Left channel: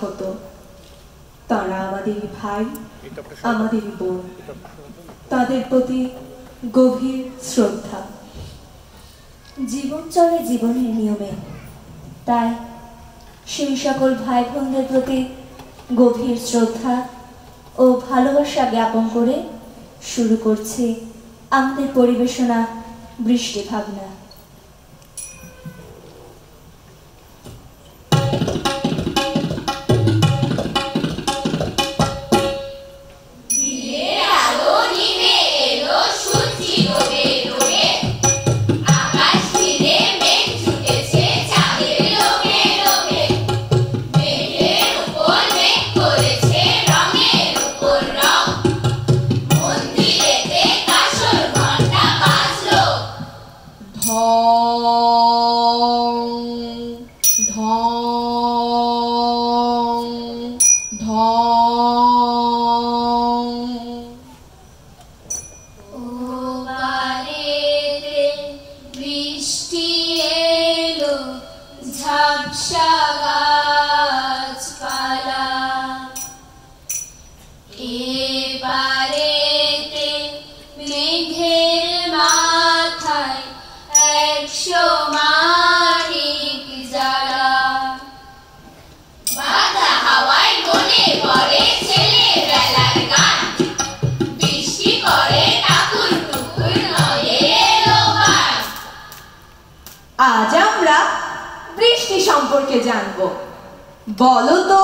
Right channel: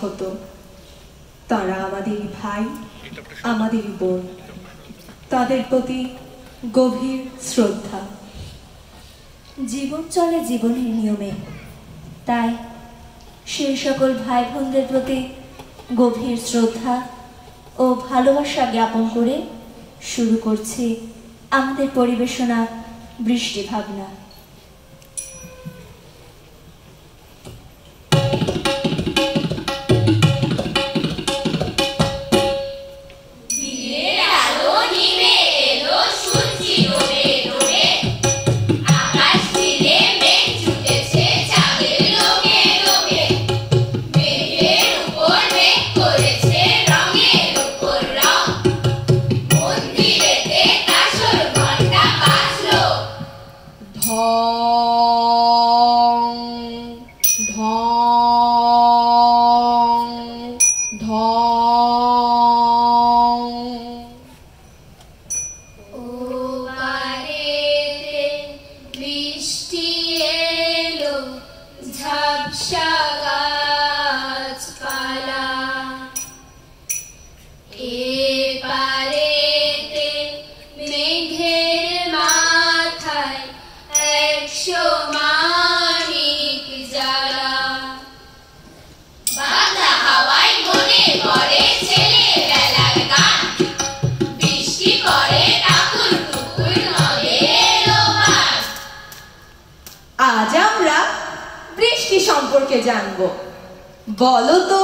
হতো। তারা আমাদের ভাই, আমাদের বোন, তাদের প্রতি গভীর শ্রদ্ধা। জীবন চলে জীবনের নিয়মে, তাই সেই সকল ভাই বোনদের প্রতি গভীর শ্রদ্ধা ও ভালোবাসা জ্ঞাপন করে শুরু করছি আমাদের পরিবেশনা বৃষ্টি ভাবনা। আজ আমরা বৃষ্টি সম্পর্কে জানবো। বলো তো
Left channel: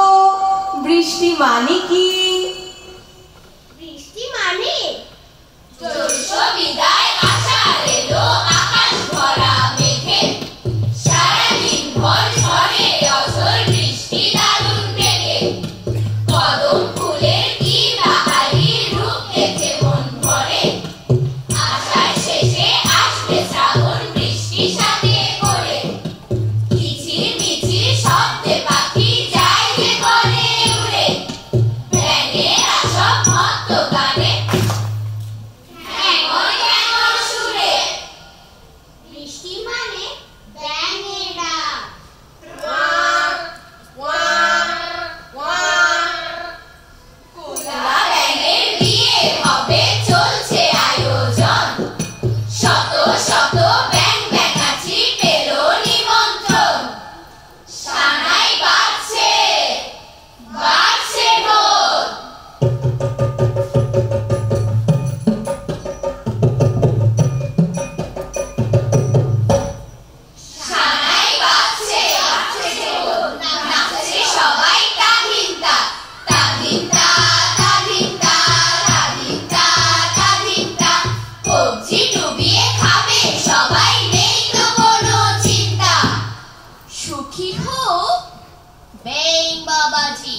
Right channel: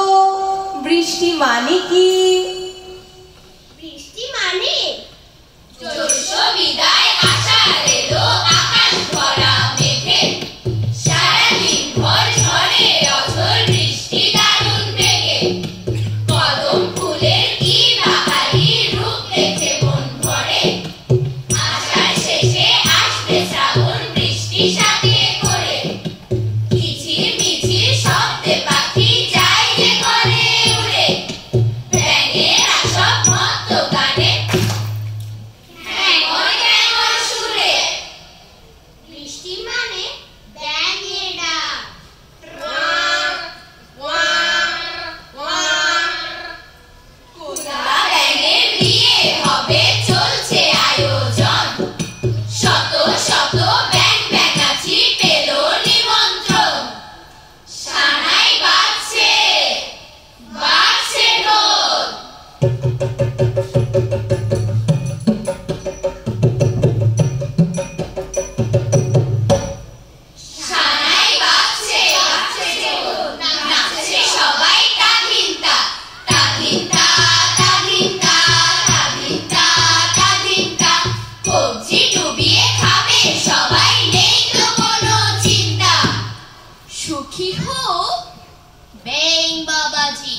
বৃষ্টি মানে কি? বৃষ্টি মানে জ্যৈষ্ঠ বিদায় আষাঢ় এলো, আকাশ ভরা মেঘে, সারাদিন ভর ঝরে অঝোর বৃষ্টি দারুণ বেগে। কদম ফুলের কি বাহারি রূপ দেখে মন ভরে, আষাঢ় শেষে আসবে শ্রাবণ বৃষ্টি সাথে করে। মিছিল মিছিল শব্দে পাখি যায় যে ঘরে উড়ে, ব্যাঙের আসব মত্ত গানে ঘ্যাঙর ঘ্যাঙর সুরে। বৃষ্টি মানে ব্যাঙের ডাক, কুলা ব্যাঙের বিয়ে হবে চলছে আয়োজন, শত শত ব্যাঙ ব্যাঙাচি পেল নিমন্ত্রণ। সানাই বাজছে বাজছে ঢোল, সানাই বাজছে বাজছে ঢোল, নাচছে সবাই তাধিনতা তাধিনতা তাধিনতা তাধিনতা তাধিনতা। কবজি ডুবিয়ে খাবে সবাই, নেই তো কোনো চিন্তা। সুখী হোক ব্যাঙ বাবাজি।